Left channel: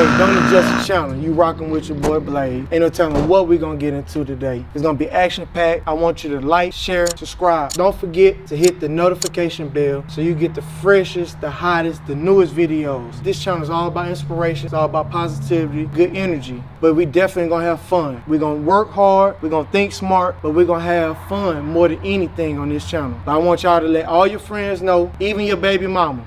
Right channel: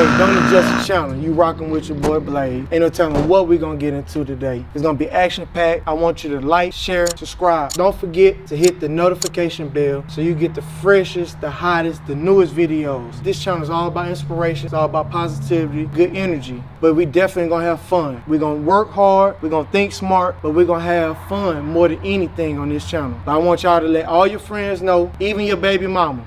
Hey, don't adjust the channel. You rocking with your boy Blade. Ain't no telling what we gonna get into today. It's gonna be action-packed. I want you to like, share, subscribe. Don't forget to hit the notification bell so you get the freshest, the hottest, the newest videos. This channel is all about inspiration. It's all about positivity, good energy. But we definitely gonna have fun. We're gonna work hard. We're gonna think smart, but we're gonna have fun more than anything on this channel. But I want y'all to let all your friends know, even your baby mama.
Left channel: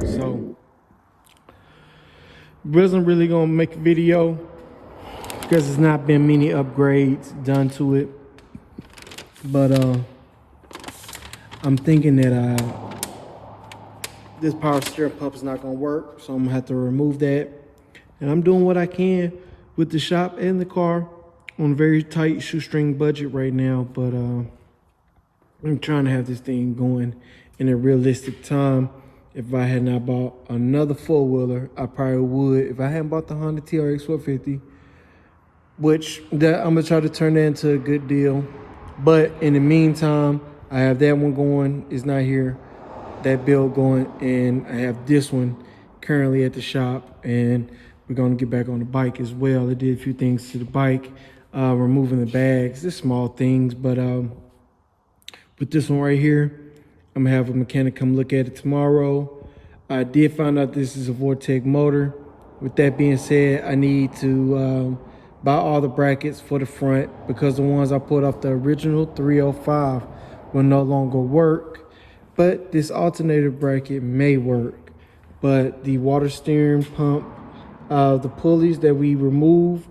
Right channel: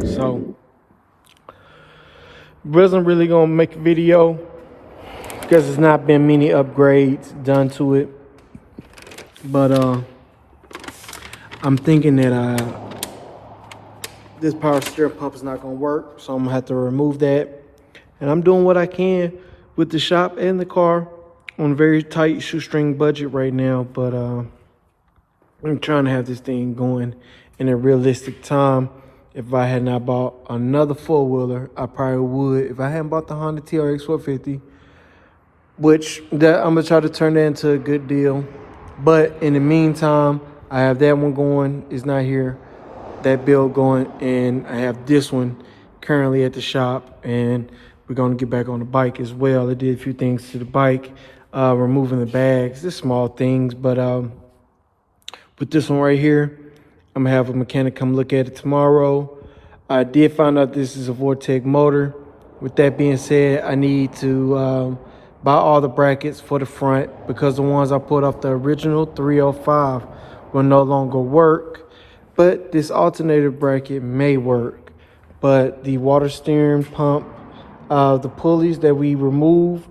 So, wasn't really gonna make a video because there's not been many upgrades done to it. But I'm thinking that this power steering pump is not gonna work, so I'm gonna have to remove that. And I'm doing what I can with the shop and the car on a very tight shoestring budget right now. But I'm trying to have this thing going in a realistic time. If I had not bought another four-wheeler, I probably would. If I hadn't bought the Honda TRX 450, which that I'm gonna try to turn that into a good deal. But in the meantime, I have that one going. It's not here. That build going, and I have this one currently at the shop, and we're gonna get back on the bike as well. I did a few things to the bike, removing the bags, just small things. But with this one right here, I'm gonna have a mechanic come look at it tomorrow. I did find out this is a Vortec motor. With that being said, I need to buy all the brackets for the front because the ones I put off the original 305 will no longer work. But this alternator bracket may work. But the water steering pump, the pulleys that we remove,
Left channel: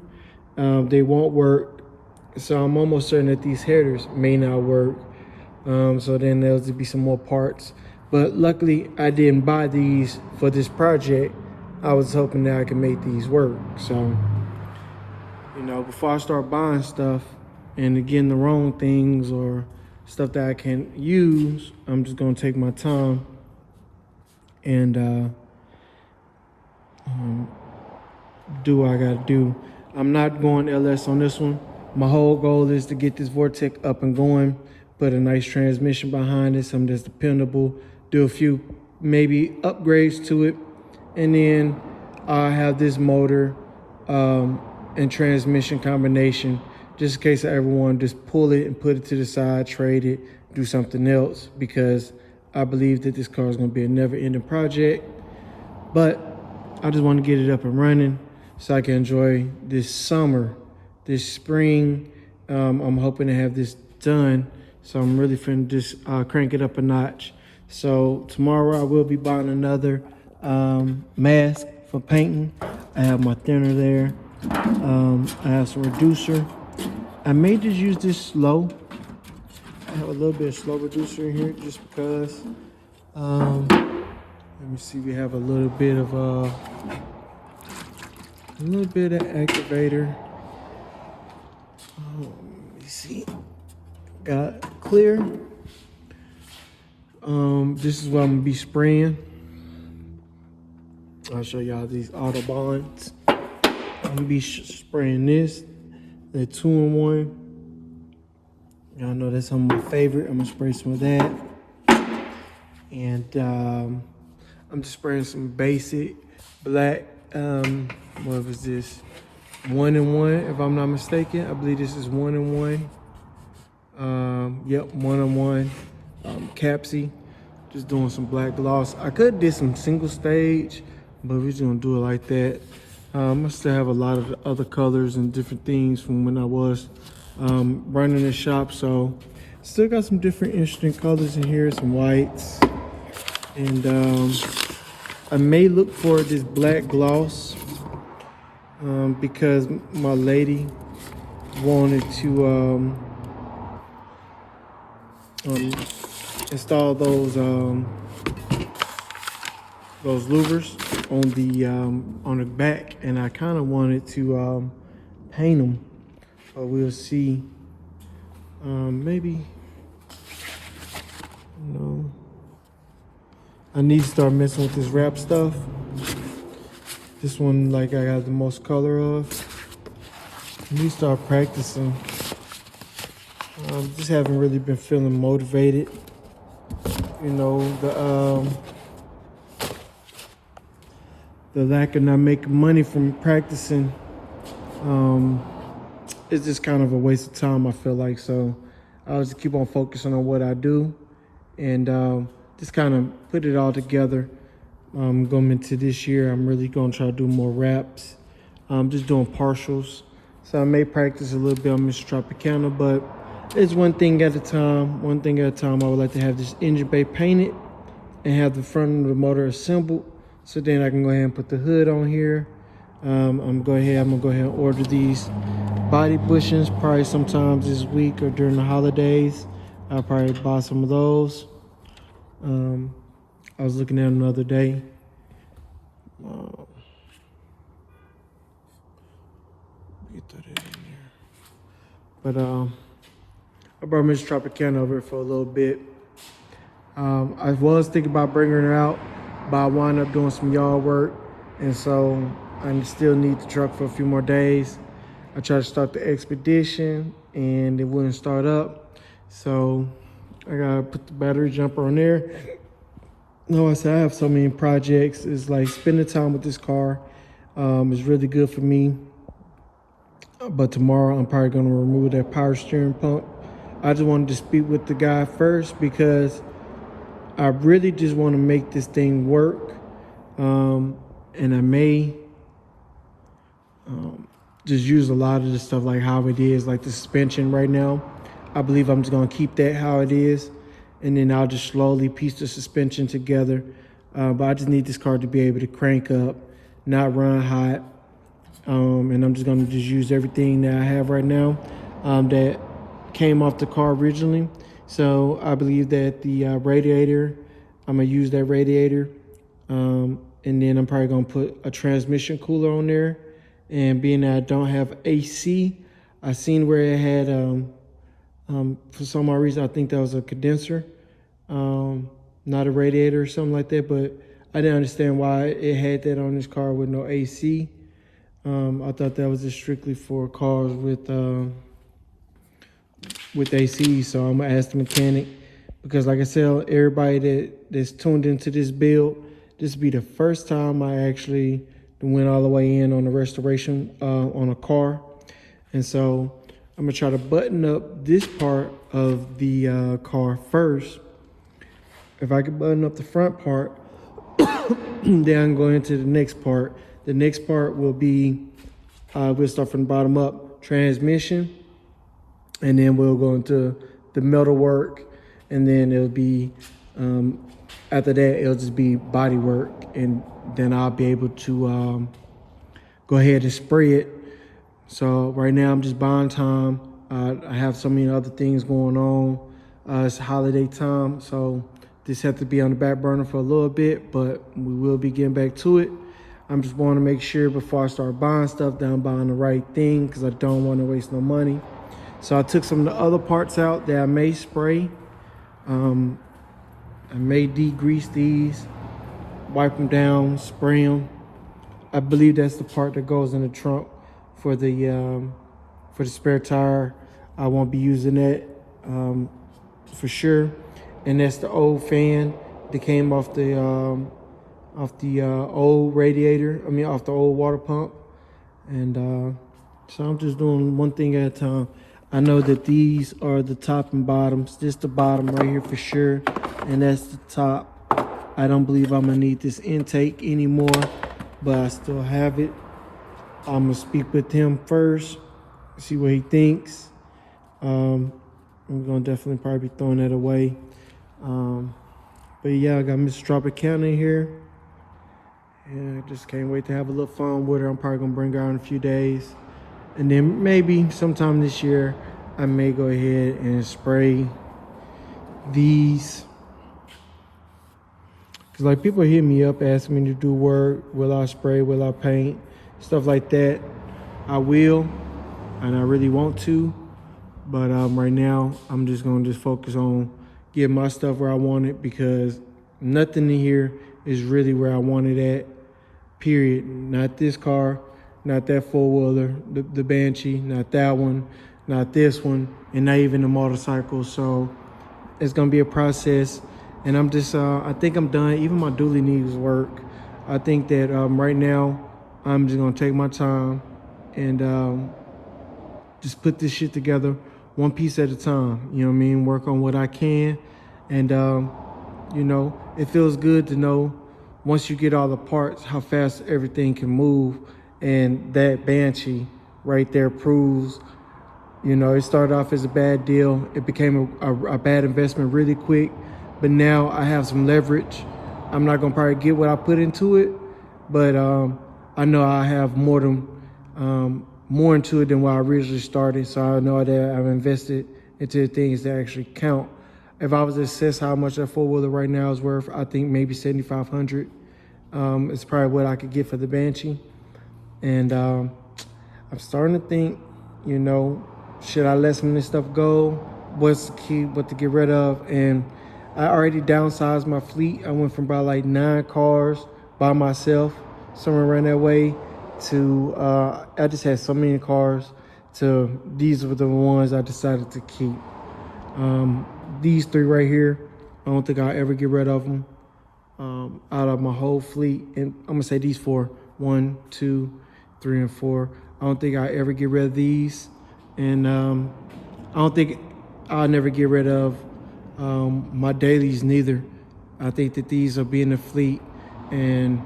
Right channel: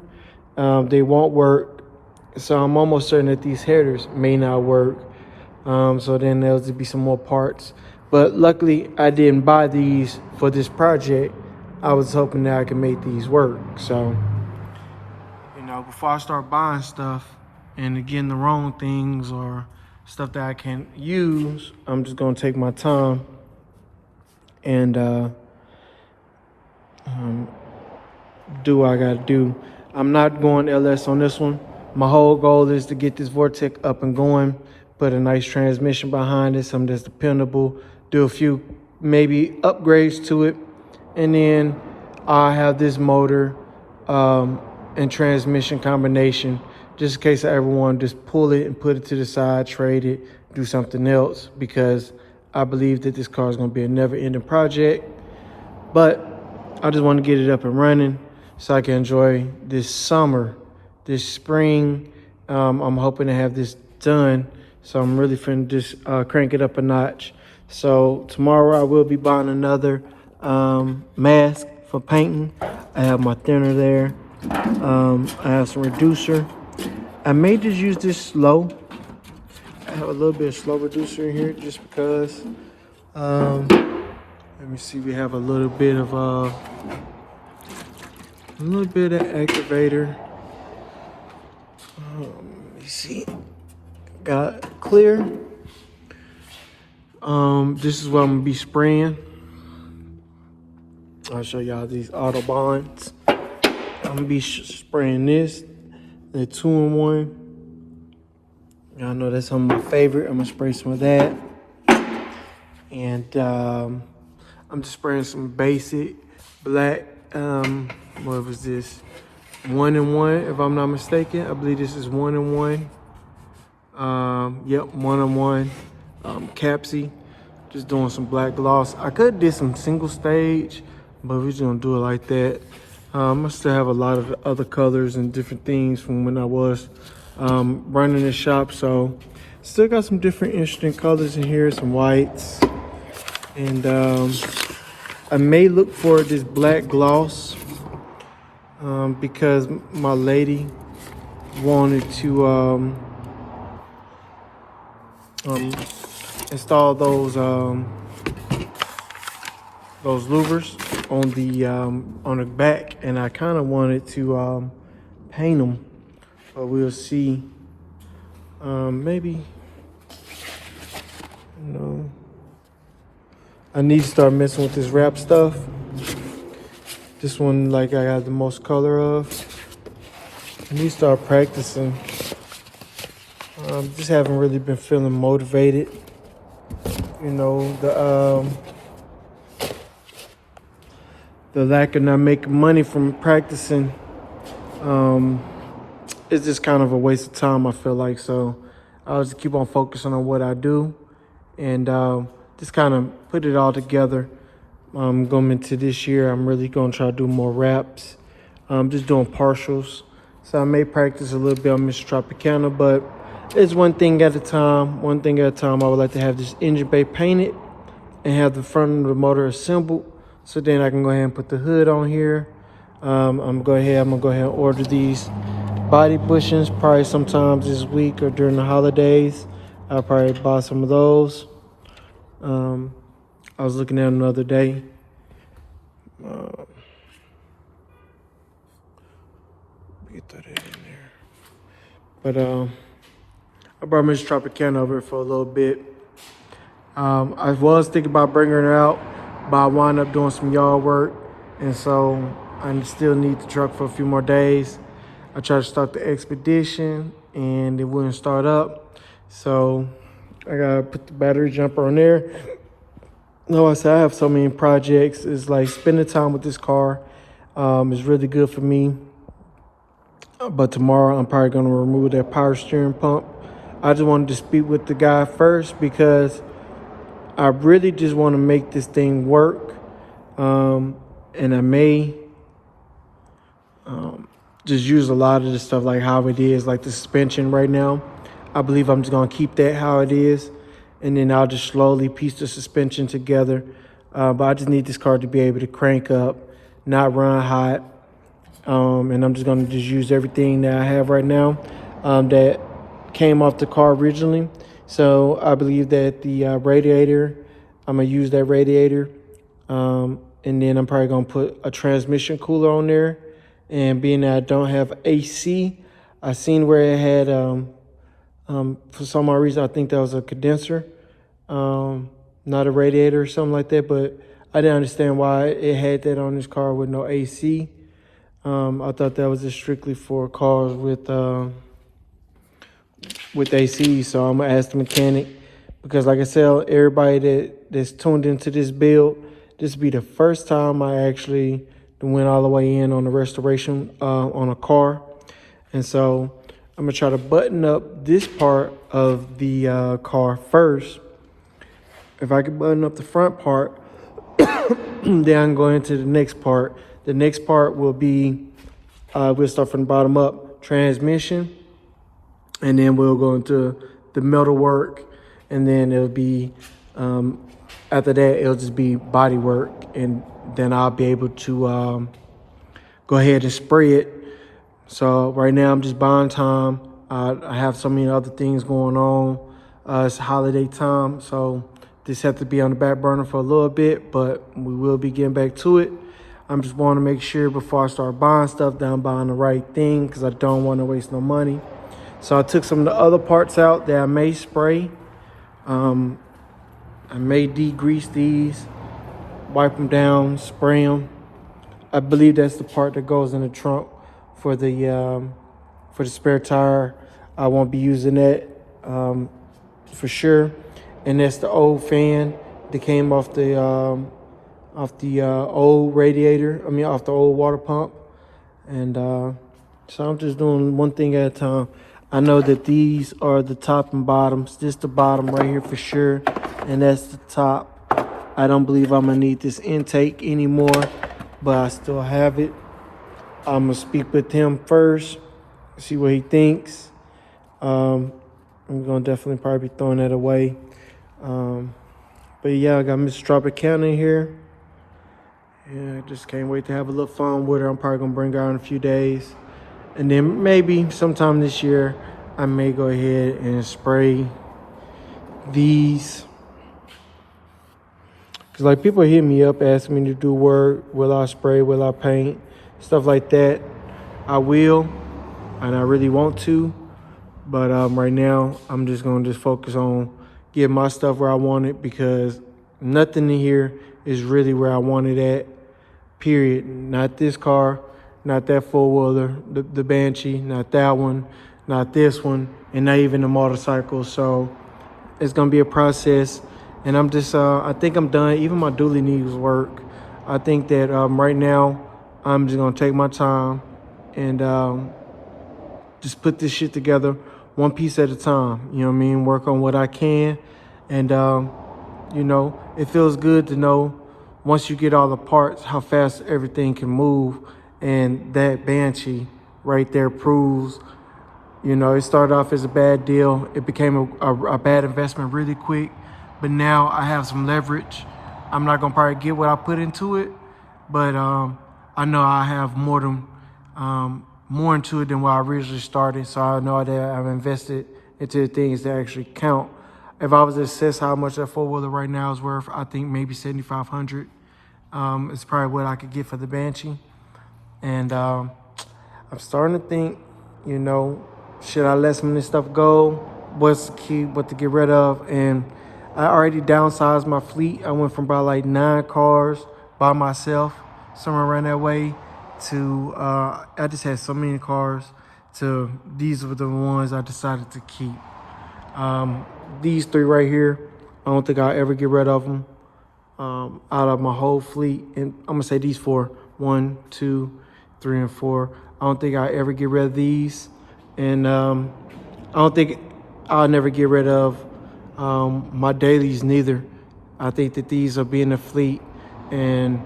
they won't work. So I'm almost certain that these headers may not work. So then there'll be some more parts. But luckily, I didn't buy these for this project. I was hoping that I could make these work. So, you know, before I start buying stuff and getting the wrong things or stuff that I can't use, I'm just gonna take my time and do what I gotta do. I'm not going LS on this one. My whole goal is to get this Vortec up and going, put a nice transmission behind it, something that's dependable, do a few maybe upgrades to it, and then I have this motor and transmission combination just in case I ever want to just pull it and put it to the side, trade it, do something else, because I believe that this car is going to be a never-ending project. But I just want to get it up and running so I can enjoy this summer, this spring. I'm hoping to have this done, so I'm really finna just crank it up a notch. So tomorrow I will be buying another mask for painting. I have my thinner there. I have some reducer. I may just use this slow. I have a little bit of slow reducer in here just because. Let me see, we have a little bit of activator. Let me see. Got clear. This is what I'm gonna be spraying. I'll show y'all these Autobahns. I'm gonna be spraying this, the 2-in-1. Y'all know that's some of my favorite. I'm gonna spray some of that. And I'm just spraying some basic black, what was this? 1-in-1, if I'm not mistaken. I believe this is 1-in-1. Yep, 1-in-1. Capsy, just doing some black gloss. I could do some single stage, but we're just gonna do it like that. I still have a lot of other colors and different things from when I was running the shop, so still got some different interesting colors in here, some whites, and I may look for this black gloss because my lady wanted to install those louvers on the back, and I kind of wanted to paint them, but we'll see. Maybe, you know, I need to start messing with this wrap stuff. This one, like, I got the most color of. I need to start practicing. Just haven't really been feeling motivated. You know, the lack of not making money from practicing, it's just kind of a waste of time, I feel like. So I'll just keep on focusing on what I do, and just kind of put it all together. Going into this year, I'm really going to try to do more raps. Just doing partials. So I may practice a little bit on Mr. Tropicana, but it's one thing at a time. One thing at a time. I would like to have this engine bay painted and have the front of the motor assembled. So then I can go ahead and put the hood on here. I'm gonna go ahead and order these body bushings probably sometimes this week or during the holidays. I'll probably buy some of those. I was looking at them the other day. Get that in there. But I brought Miss Tropicana over for a little bit. I was thinking about bringing her out, but I wound up doing some yard work, and so I still need the truck for a few more days. I tried to start the expedition and it wouldn't start up, so I gotta put the battery jumper on there. No, I said I have so many projects. It's like spending time with this car is really good for me. But tomorrow I'm probably gonna remove that power steering pump. I just wanted to speak with the guy first because I really just want to make this thing work. And I may just use a lot of the stuff like how it is, like the suspension right now. I believe I'm just gonna keep that how it is, and then I'll just slowly piece the suspension together. But I just need this car to be able to crank up, not run hot. And I'm just gonna use everything that I have right now that came off the car originally. So I believe that the radiator, I'm gonna use that radiator. And then I'm probably gonna put a transmission cooler on there. And being that I don't have AC, I seen where it had, for some odd reason, I think that was a condenser, not a radiator or something like that. But I didn't understand why it had that on this car with no AC. I thought that was just strictly for cars with AC. So I'm gonna ask the mechanic, because like I said, everybody that's tuned into this build, this will be the first time I actually went all the way in on the restoration on a car. And so I'm gonna try to button up this part of the car first. If I can button up the front part, then I'm going into the next part. The next part will be, we'll start from the bottom up, transmission, and then we'll go into the metal work, and then it'll be, after that, it'll just be body work, and then I'll be able to go ahead and spray it. So right now I'm just buying time. I have so many other things going on. It's holiday time, so this has to be on the back burner for a little bit, but we will be getting back to it. I'm just want to make sure before I start buying stuff that I'm buying the right thing, because I don't want to waste no money. So I took some of the other parts out that I may spray. I may degrease these, wipe them down, spray them. I believe that's the part that goes in the trunk for the spare tire. I won't be using that for sure. And that's the old fan that came off the old radiator. I mean, off the old water pump. And so I'm just doing one thing at a time. I know that these are the top and bottoms. This the bottom right here for sure, and that's the top. I don't believe I'm gonna need this intake anymore, but I still have it. I'm gonna speak with him first, see what he thinks. I'm gonna definitely probably be throwing that away. But yeah, I got Mr. Tropicana here. Yeah, I just can't wait to have a little fun with her. I'm probably gonna bring her out in a few days. And then maybe sometime this year, I may go ahead and spray these. Cause like people hit me up asking me to do work, will I spray, will I paint, stuff like that. I will, and I really want to, but right now I'm just gonna focus on getting my stuff where I want it, because nothing in here is really where I want it at, period. Not this car, not that four-wheeler, the Banshee, not that one, not this one, and not even the motorcycle. So it's gonna be a process, and I'm just I think I'm done. Even my dually needs work. I think that right now I'm just gonna take my time and just put this shit together one piece at a time. You know what I mean? Work on what I can, and you know, it feels good to know once you get all the parts how fast everything can move. And that Banshee right there proves, you know, it started off as a bad deal. It became a bad investment really quick. But now I have some leverage. I'm not gonna probably get what I put into it, but I know I have more into it than what I originally started. So I know that I've invested into the things that actually count. If I was to assess how much that four-wheeler right now is worth, I think maybe $7,500. It's probably what I could get for the Banshee. And I'm starting to think, you know, should I let some of this stuff go? What's to keep, what to get rid of? And I already downsized my fleet. I went from about like 9 cars by myself, somewhere around that way, to I just had so many cars, to these were the ones I decided to keep. These 3 right here, I don't think I'll ever get rid of them out of my whole fleet. And I'm gonna say these 4, 1, 2, 3, and 4. I don't think I'll ever get rid of these. And I don't think I'll never get rid of my dailies neither. I think that these will be in the fleet, and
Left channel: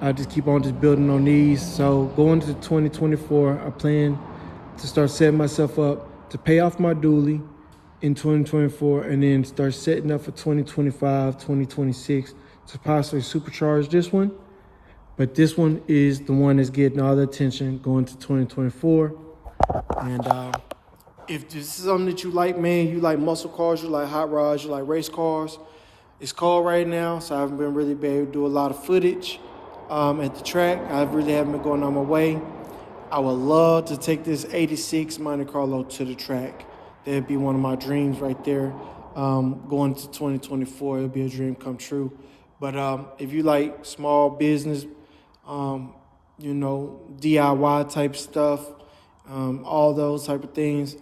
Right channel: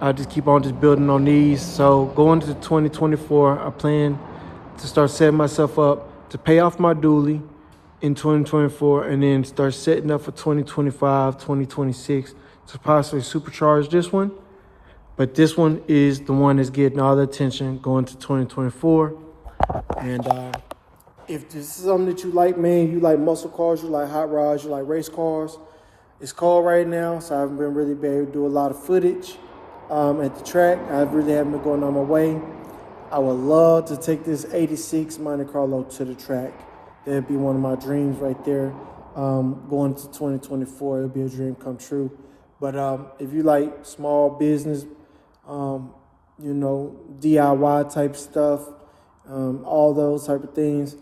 I just keep on just building on these. So going to 2024, I plan to start setting myself up to pay off my dually in 2024, and then start setting up for 2025, 2026 to possibly supercharge this one. But this one is the one that's getting all the attention going to 2024. And if this is something that you like, man, you like muscle cars, you like hot rods, you like race cars, it's cold right now, so I haven't been really able to do a lot of footage at the track. I really haven't been going on my way. I would love to take this 86 Monte Carlo to the track. That'd be one of my dreams right there. Going to 2024, it'll be a dream come true. But if you like small business, you know, DIY type stuff, all those type of things,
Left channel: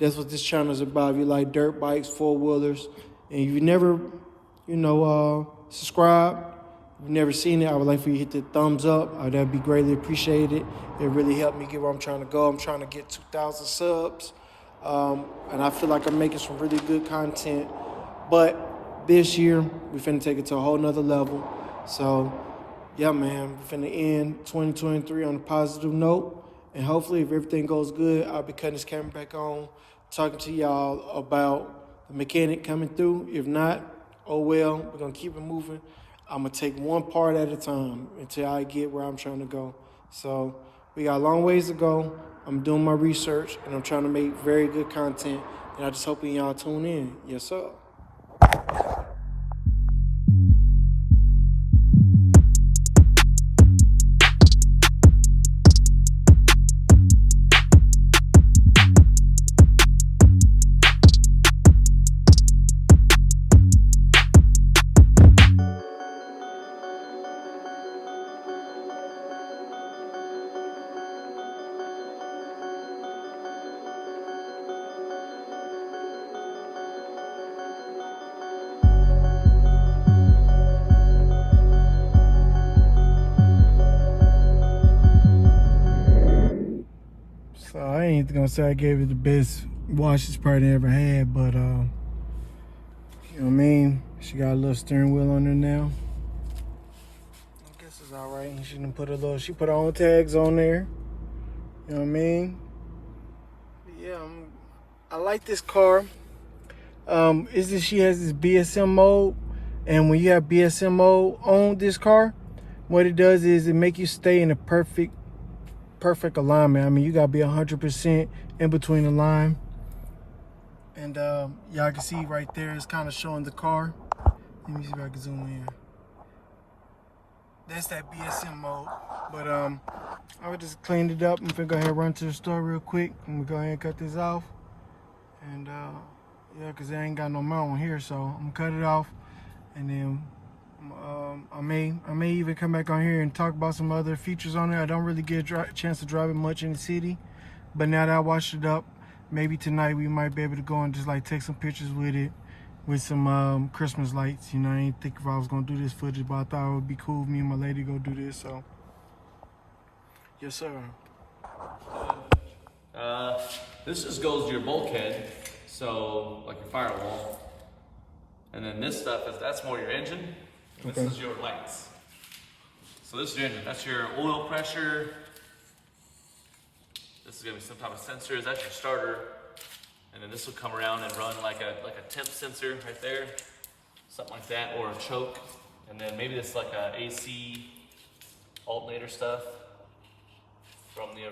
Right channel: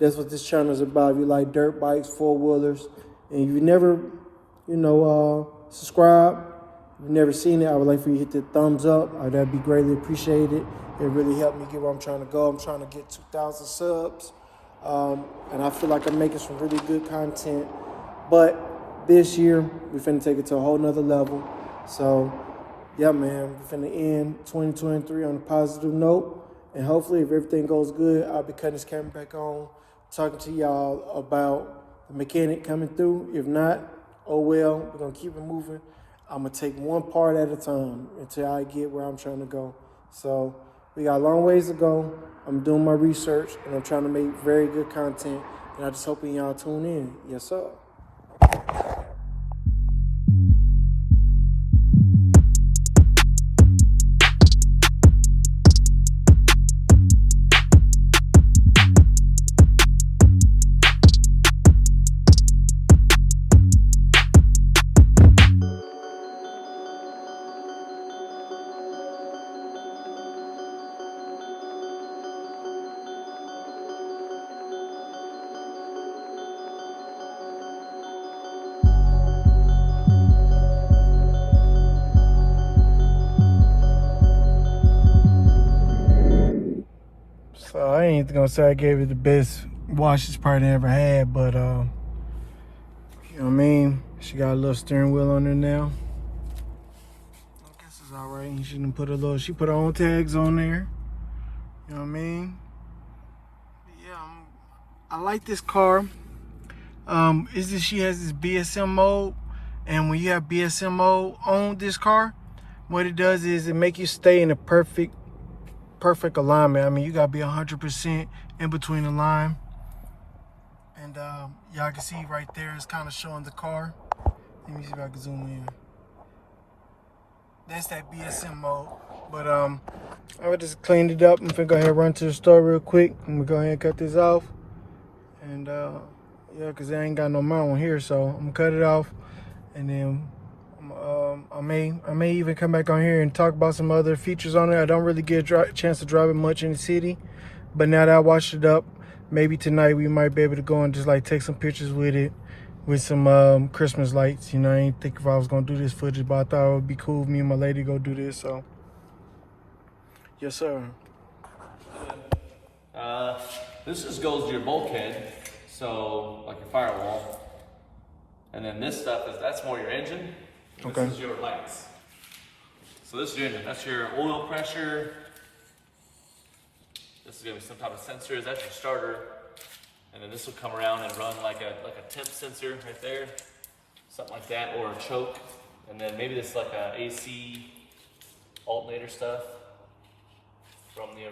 that's what this channel is about. If you like dirt bikes, four-wheelers, and you've never, you know, subscribed, you've never seen it, I would like for you to hit the thumbs up. That'd be greatly appreciated. It really helped me get where I'm trying to go. I'm trying to get 2,000 subs. And I feel like I'm making some really good content. But this year, we're finna take it to a whole nother level. So, yeah, man, we're finna end 2023 on a positive note. And hopefully, if everything goes good, I'll be cutting this camera back on, talking to y'all about the mechanic coming through. If not, oh well, we're gonna keep it moving. I'm gonna take one part at a time until I get where I'm trying to go. So we got a long ways to go. I'm doing my research, and I'm trying to make very good content, and I just hope y'all tune in. Yes, sir. So I ain't gonna say I gave it the best wash it's probably ever had, but you know what I mean? She got a little steering wheel on there now. I guess it's all right. She done put she put her own tags on there. You know what I mean? But yeah, I like this car. She has this BSM mode, and when you have BSM mode on this car, what it does is it make you stay in a perfect alignment. I mean, you gotta be 100% in between the line. And y'all can see right there, it's kind of showing the car. Let me see if I can zoom in. That's that BSM mode. But I just cleaned it up. I'm gonna go ahead and run to the store real quick. I'm gonna go ahead and cut this off. And yeah, cause I ain't got no mount on here, so I'm gonna cut it off. And then I may even come back on here and talk about some other features on it. I don't really get a chance to drive it much in the city, but now that I washed it up, maybe tonight we might be able to go and just like take some pictures with it, with some Christmas lights. You know, I didn't think if I was gonna do this footage, but I thought it would be cool if me and my lady go do this. So yes, sir. This just goes to your bulkhead, so like your firewall. And then this stuff that's more your engine. And this is your lights. So this is your engine. That's your oil pressure. This is gonna be some type of sensor. That's your starter. And then this will come around and run like a temp sensor right there, something like that, or a choke. And then maybe this is like a AC alternator stuff from your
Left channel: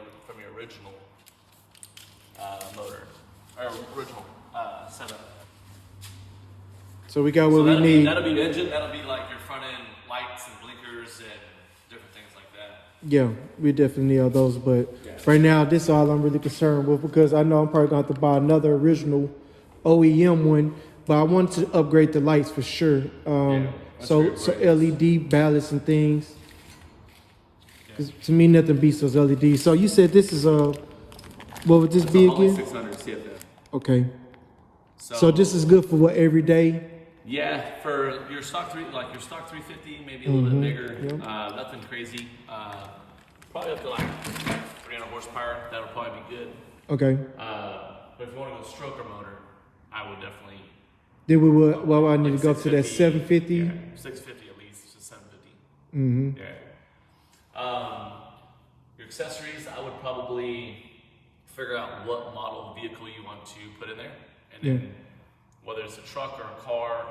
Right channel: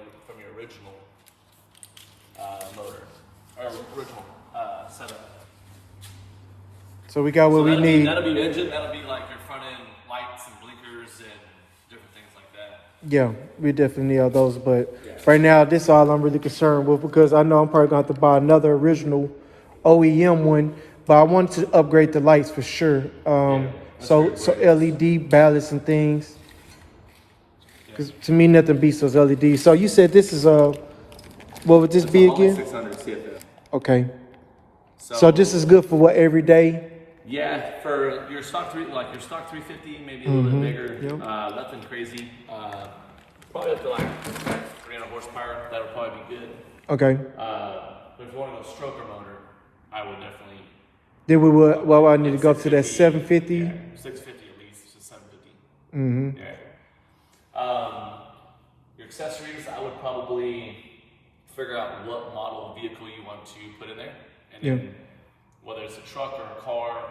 original motor or original setup. So we got what we need. That'll be your engine. That'll be like your front end lights and blinkers and different things like that. Yeah, we definitely need all those. But right now, this is all I'm really concerned with, because I know I'm probably going to have to buy another original OEM one. But I want to upgrade the lights for sure. So LED ballasts and things. Because to me, nothing beats those LEDs. So you said this is what would this be again? 600 CFM. Okay. So this is good for what, every day? Yeah, for your stock 350, maybe a little bit bigger. Nothing crazy. Probably up to like 300 horsepower. That would probably be good. Okay. But if you want to go stroker motor, I would definitely. Then we would. Well, I need to go up to that 750. Yeah, 650 at least, just 750. Yeah. Your accessories, I would probably figure out what model vehicle you want to put in there, and then whether it's a truck or a car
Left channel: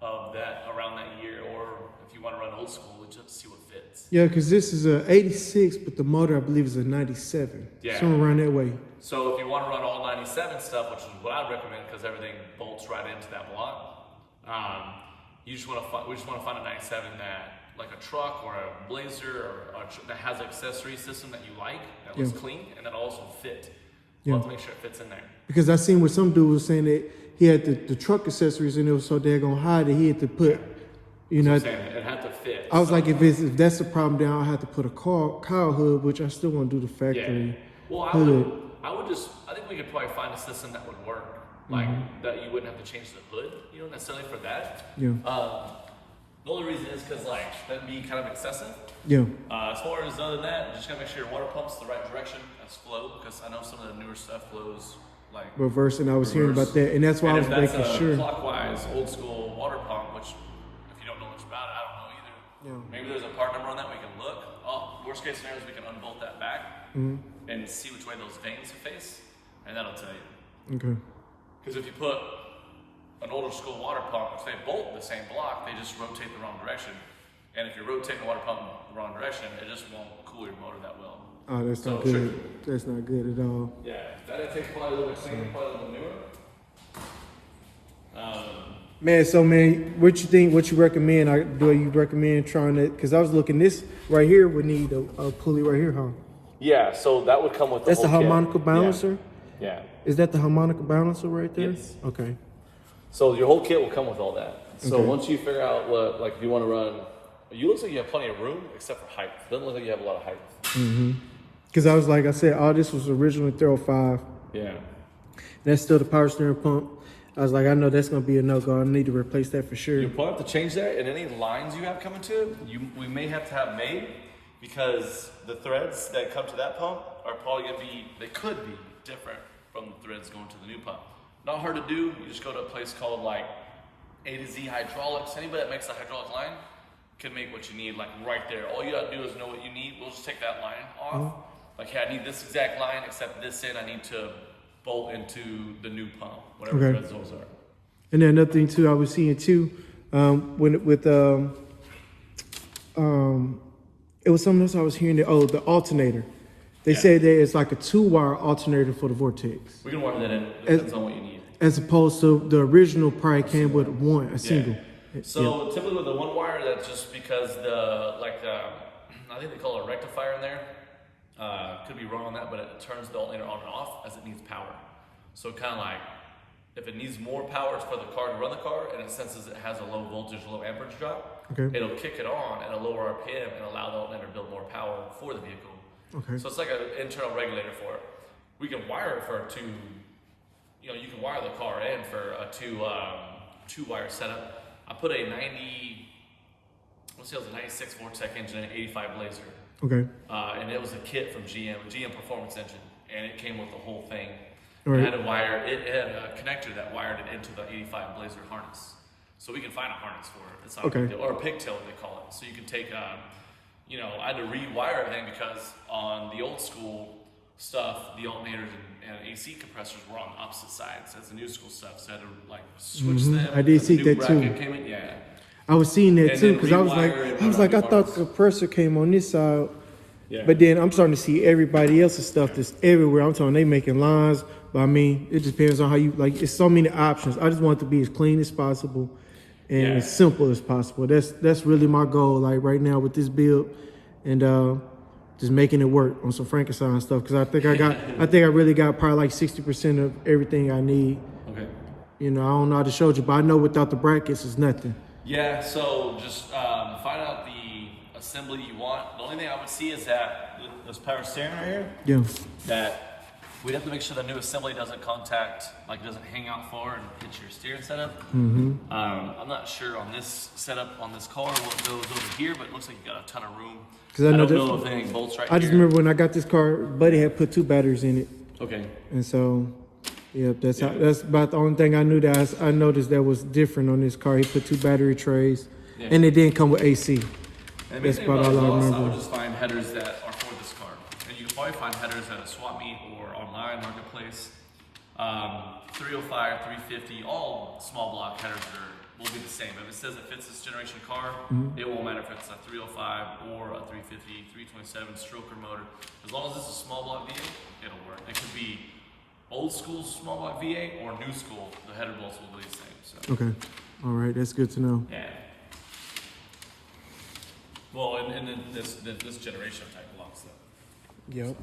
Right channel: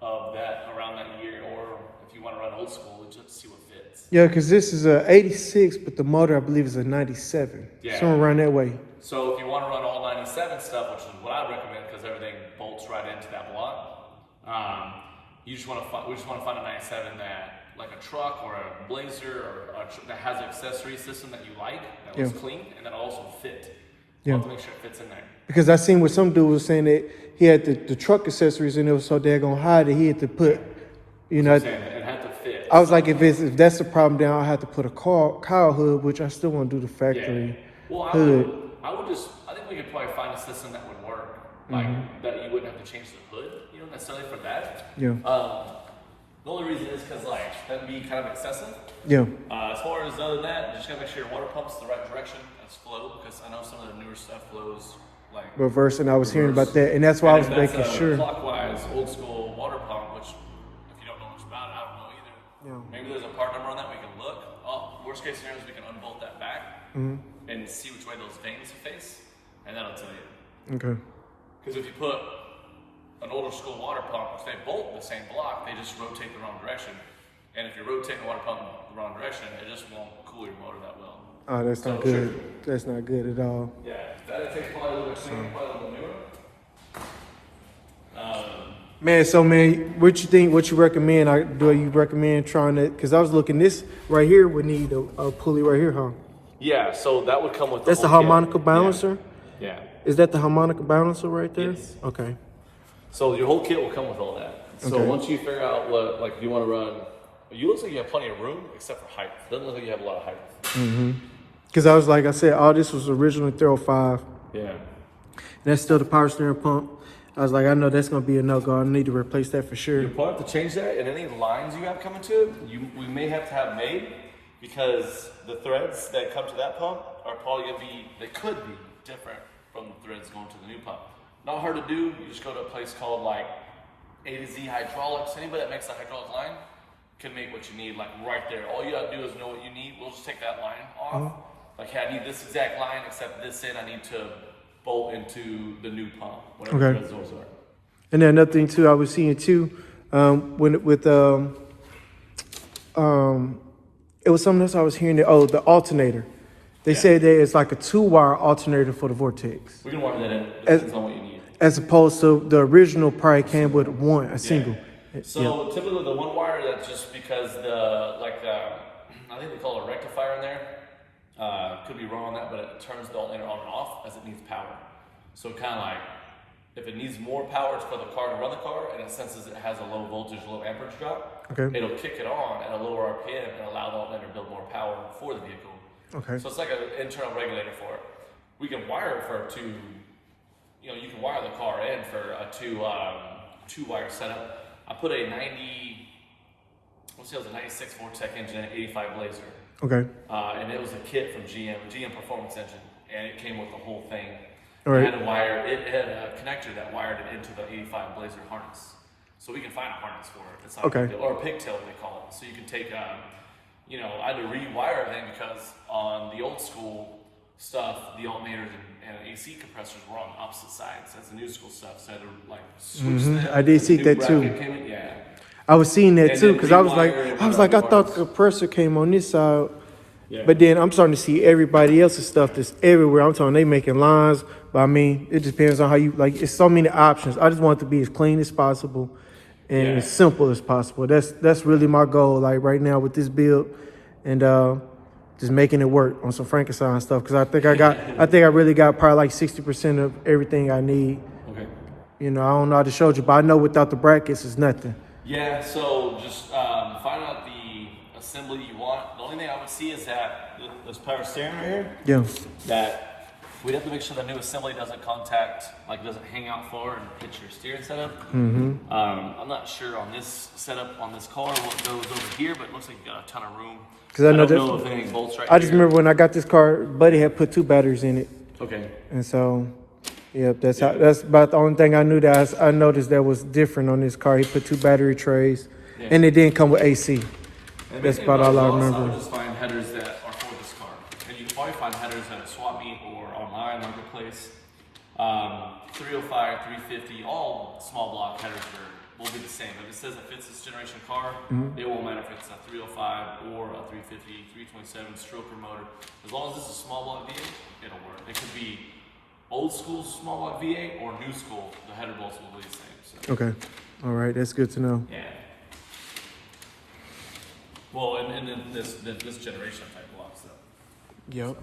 of that around that year, or if you want to run old school, just see what fits. Yeah, because this is a 86, but the motor I believe is a 97. Yeah. Somewhere around that way. So if you want to run all 97 stuff, which is what I recommend, because everything bolts right into that block, we just want to find a 97 that, like a truck or a Blazer or that has an accessory system that you like, that looks clean, and that'll also fit. You have to make sure it fits in there. Because I seen what some dude was saying that he had the truck accessories and it was so daggone high that he had to put, you know. It had to fit. I was like, if that's the problem, then I'll have to put a car hood, which I still want to do the factory hood. I think we could probably find a system that would work, like that you wouldn't have to change the hood, you know, necessarily for that. Yeah. The only reason is because like that'd be kind of excessive. Yeah. As far as other than that, you just gotta make sure your water pump's the right direction as flow, because I know some of the newer stuff flows like reverse, and I was hearing about that, and that's why I was making sure. Clockwise, old school water pump, which if you don't know much about it, I don't know either. Yeah. Maybe there's a part number on that we can look. Worst case scenario is we can unbolt that back and see which way those vanes face, and that'll tell you. Okay. Because if you put an older school water pump, if they bolt the same block, they just rotate the wrong direction. And if you're rotating the water pump the wrong direction, it just won't cool your motor that well. Oh, that's not good. That's not good at all. Yeah, that takes probably a little cleaner, probably a little newer. Man, what you think? What you recommend? Do you recommend trying to? Because I was looking, this right here would need a pulley right here, huh? Yeah, so that would come with. That's the harmonica balancer. Yeah. Is that the harmonica balancer right there? Yes. Okay. So your whole kit will come with all that. So once you figure out what, like, if you want to run, you looks like you have plenty of room except for height. It doesn't look like you have a lot of height. Because I was like I said, all this was originally 305. Yeah. That's still the power steering pump. I was like, I know that's gonna be a no-go. I need to replace that for sure. You'll probably have to change that, and any lines you have coming to it, we may have to have made, because the threads that come to that pump are probably gonna be, they could be different from the threads going to the new pump. Not hard to do. You just go to a place called like A to Z Hydraulics. Anybody that makes a hydraulic line can make what you need, like right there. All you gotta do is know what you need. We'll just take that line off. Like, hey, I need this exact line, except this end I need to bolt into the new pump, whatever threads those are. And then another thing too, I was seeing too, it was something else I was hearing that, the alternator. They said that it's like a 2-wire alternator for the Vortex. We can wire that in. It depends on what you need. As opposed to the original probably came with a single. So typically the one wire, that's just because I think they call it a rectifier in there. Could be wrong on that, but it turns the alternator on and off as it needs power. So kind of like, if it needs more power for the car to run the car, and it senses it has a low voltage, low amperage drop, it'll kick it on at a lower RPM and allow the alternator to build more power for the vehicle. Okay. So it's like an internal regulator for it. We can wire it for you can wire the car in for a two wire setup. I put a 96 Vortec engine in an 85 Blazer. Okay. And it was a kit from GM Performance Engine, and it came with the whole thing. Right. It had a connector that wired it into the 85 Blazer harness. So we can find a harness for it. It's not a big deal. Or a pigtail, they call it. So you can take, I had to rewire everything because on the old school stuff, the alternators and AC compressors were on opposite sides as the new school stuff. So I had to switch them. I did see that too. Yeah. I was seeing that too because I was like, I thought the compressor came on this side. Yeah. But then I'm starting to see everybody else's stuff that's everywhere. I'm talking they making lines, but I mean, it just depends on how you it's so many options. I just want it to be as clean as possible and as simple as possible. That's really my goal, like right now with this build, and just making it work on some Frankenstein stuff. Because I think I really got probably like 60% of everything I need. Okay. I don't know how to show you, but I know without the brackets, it's nothing. Yeah. So just find out the assembly you want. The only thing I would see is that this power steering right here. Yeah. That we'd have to make sure the new assembly doesn't doesn't hang out far and hit your steering setup. I'm not sure on this setup on this car what goes over here, but it looks like you got a ton of room. Because I don't know if anything bolts right here. I just remember when I got this car, Buddy had put 2 batteries in it. Okay. And so, that's about the only thing I knew that I noticed that was different on this car. He put 2 battery trays, and it didn't come with AC. That's about all I remember. I would just find headers that are for this car. And you can probably find headers at a swap meet or online marketplace. 305, 350, all small block headers will be the same. If it says it fits this generation car, it won't matter if it's a 305 or a 350, 327 stroker motor. As long as it's a small block V8, it'll work. It could be old school small block V8 or new school. The header bolts will be the same. So. Okay. All right. That's good to know. Yeah. Well, and then this generation type blocks though. Yep.